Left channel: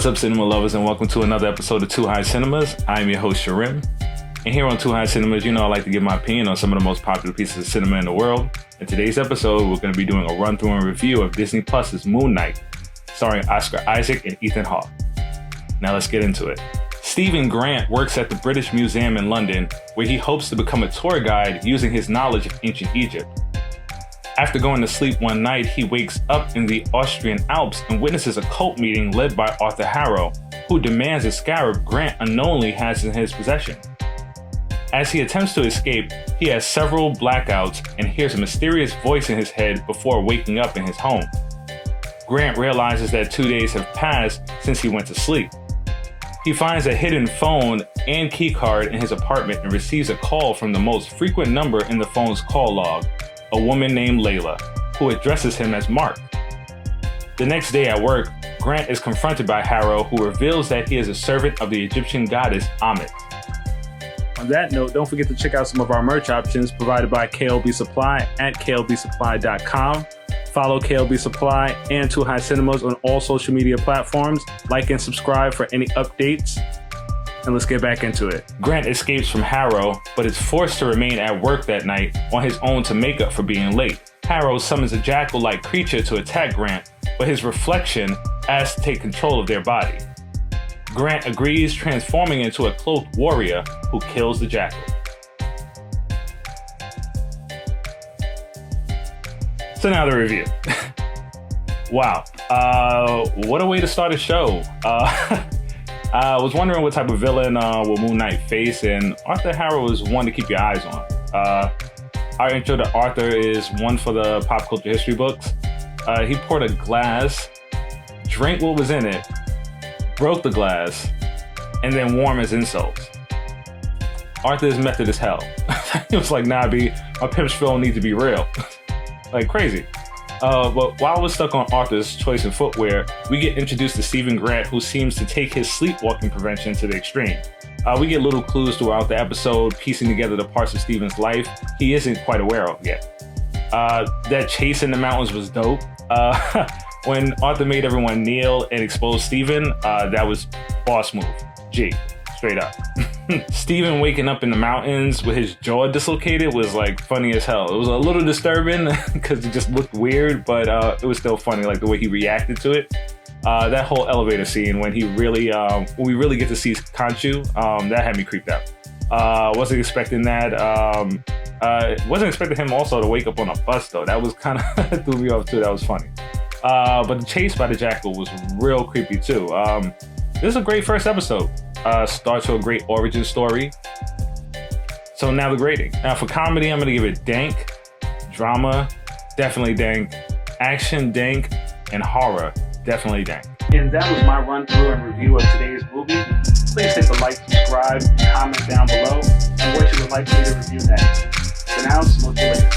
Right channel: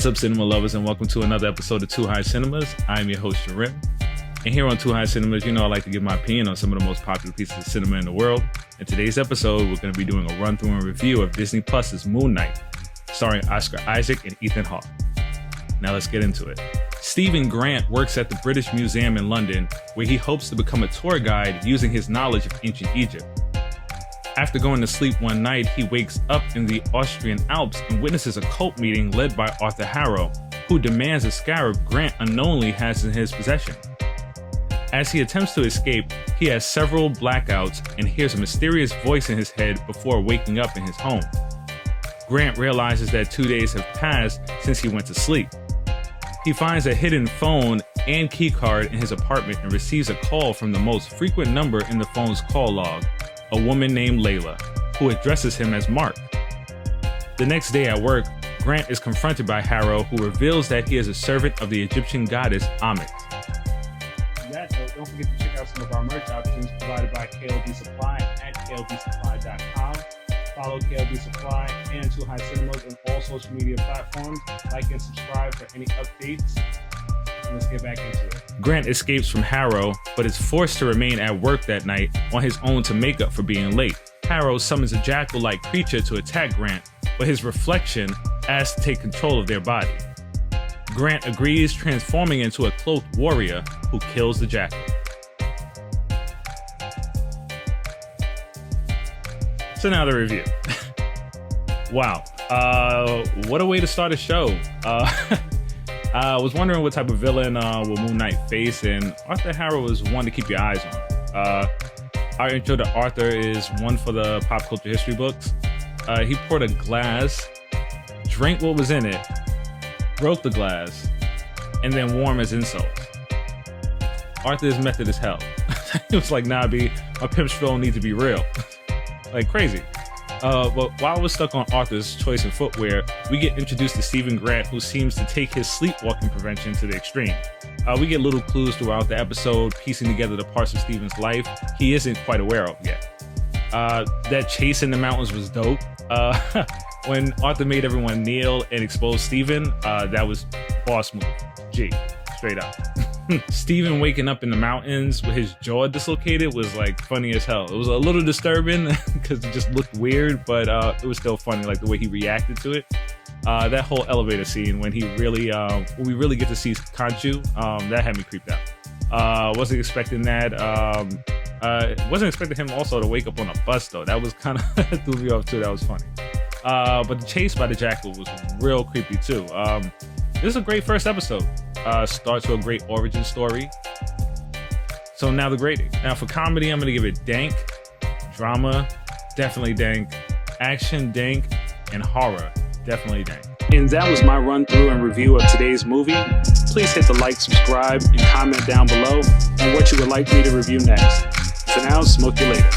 What's up, cinema lovers, and welcome to another episode of Too High Cinemas. I'm your host, SHRIM. And here on Too High Cinemas, you know I like to give my opinion on some of the most popular pieces of cinema in the world. In today's episode, we're going to be doing a run-through and review of Disneyplus's Moonknight, starring Oscar Isaac and Ethan Hawke. Now let's get into it. Stephen Grant works at the British Museum in London, where he hopes to become a tour guide using his knowledge of ancient Egypt. After going to sleep one night, he wakes up in the Austrian Alps and witnesses a cult meeting led by Arthur Harrow, who demands a scarab Grant unknowingly has in his possession. As he attempts to escape, he has several blackouts and hears a mysterious voice in his head before waking up in his home. Grant realizes that 2 days have passed since he went to sleep. He finds a hidden phone and keycard in his apartment and receives a call from the most frequent number in the phone's call log, a woman named Layla, who addresses him as Mark. The next day at work, Grant is confronted by Harrow, who reveals that he is a servant of the Egyptian goddess Ammit. On that note, don't forget to check out some of our merch options provided by KLB Supply at klbsupply.com. Follow KLB Supply and Too High Cinemas on all social media platforms. Like and subscribe for any updates. And let's get back into it. Grant escapes from Harrow, but is forced to remain at work that night on his own to make up for being late. Harrow summons a jackal-like creature to attack Grant, but his reflection asks to take control of their body. Grant agrees, transforming into a cloaked warrior who kills the jackal. So now the review. Wow, what a way to start a show. I was wondering what type of villain will Moonknight face, and Arthur Harrow is one to keep your eyes on. Our intro to Arthur is one for the pop culture history books. He poured a glass, drank what was in it, broke the glass, and then warmed his insults. Arthur is method as hell. He was like, nah, B, my pimp spill need to be real. Like crazy. But while we're stuck on Arthur's choice in footwear, we get introduced to Stephen Grant, who seems to take his sleepwalking prevention to the extreme. We get little clues throughout the episode, piecing together the parts of Stephen's life he isn't quite aware of yet. That chase in the mountains was dope. When Arthur made everyone kneel and expose Stephen, that was boss move. G, straight up. Stephen waking up in the mountains with his jaw dislocated was like funny as hell. It was a little disturbing because it just looked weird, but it was still funny, like the way he reacted to it. That whole elevator scene when we really get to see Khonshu, that had me creeped out. Wasn't expecting that. Wasn't expecting him also to wake up on a bus though. That was kind of threw me off too. That was funny. But the chase by the jackal was real creepy too. This is a great first episode. Starts with a great origin story. So now the grading. Now for comedy, I'm gonna give it dank. Drama, definitely dank. Action, dank. And horror, definitely dank. And that was my run through and review of today's movie. Please hit the like, subscribe, and comment down below on what you would like me to review next. For now, smoke you later.